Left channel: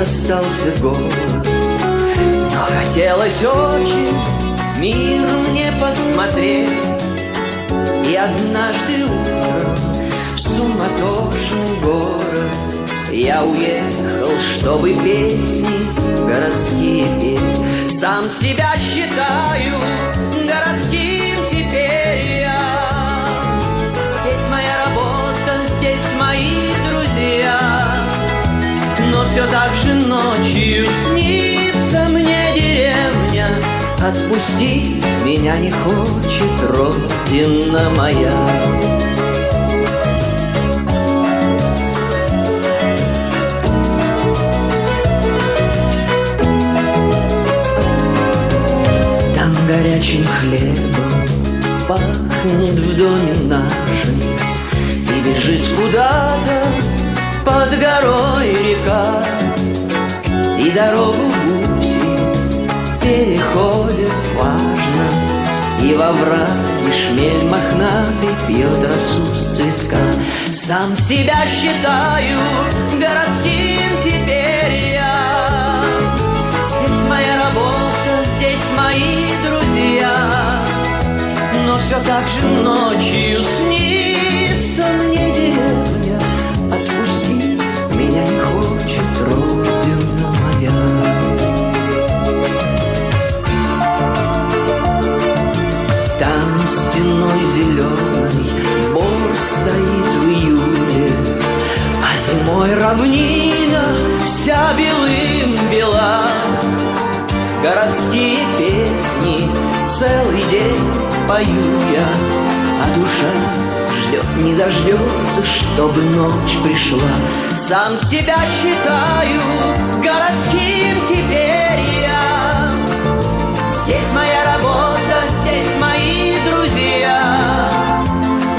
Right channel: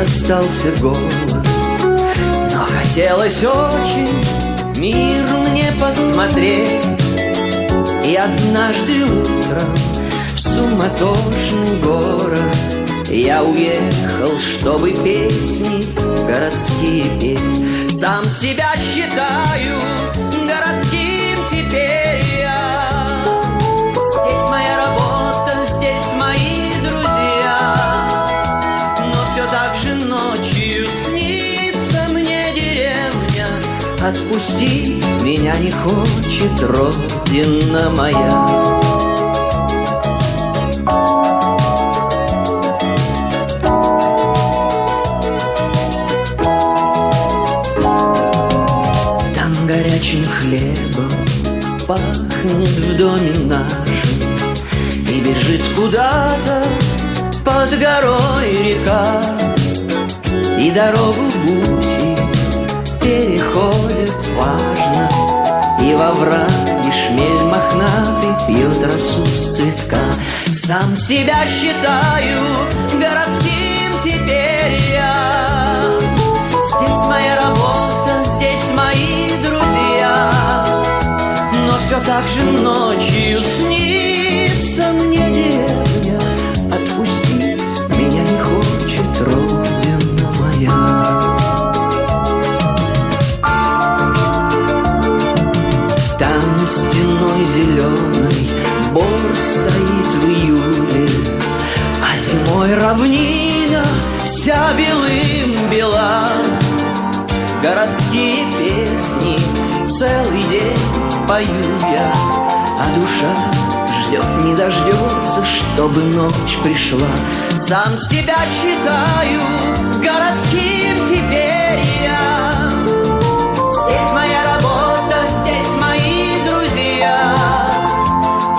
остался голос, но хотелось очень мир мне посмотреть. И однажды утром в суматошный город я уехал, чтобы песни городские петь. Сам себя считаю городским теперь я. Здесь моя работа, здесь мои друзья, но все так же ночью снится мне деревня. Отпустить меня не хочет родина моя. Там горячим хлебом пахнет в доме нашем, и бежит куда-то под горой река, и дорогу гуси переходят важно, и во враге шмель мохнатый пьет росу с цветка. Сам себя считаю городским теперь я. Здесь моя работа, здесь мои друзья, но все так же ночью снится мне деревня. Отпустить меня не хочет родина моя. Там стеной зеленой бор стоит в июле, а зимой равнина вся белым бела. Городские песни целый день пою я, а душа ждет, не дождется, чтобы ночь пришла. Сам себя считаю городским теперь я. Здесь моя работа, здесь мои друзья,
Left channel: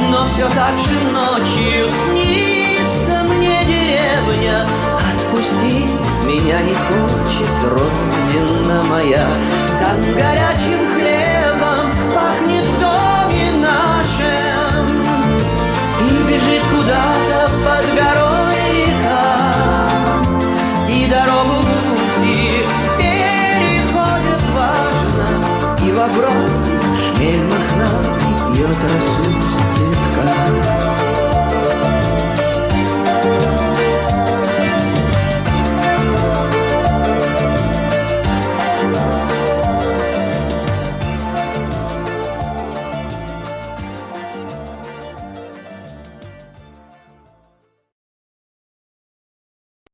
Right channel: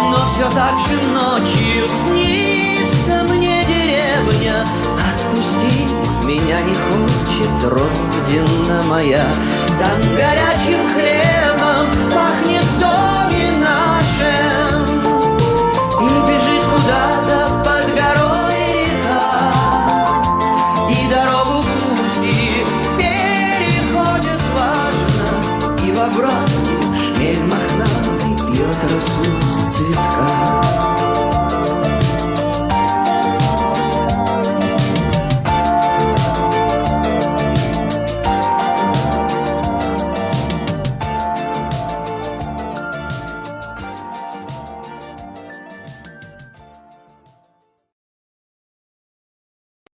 но все так же ночью снится мне деревня. Отпустить меня не хочет родина моя. Там горячим хлебом пахнет в доме нашем, и бежит куда-то под горой река, и дорогу гуси переходят важно, и во враге шмель мохнатый пьет росу с цветка.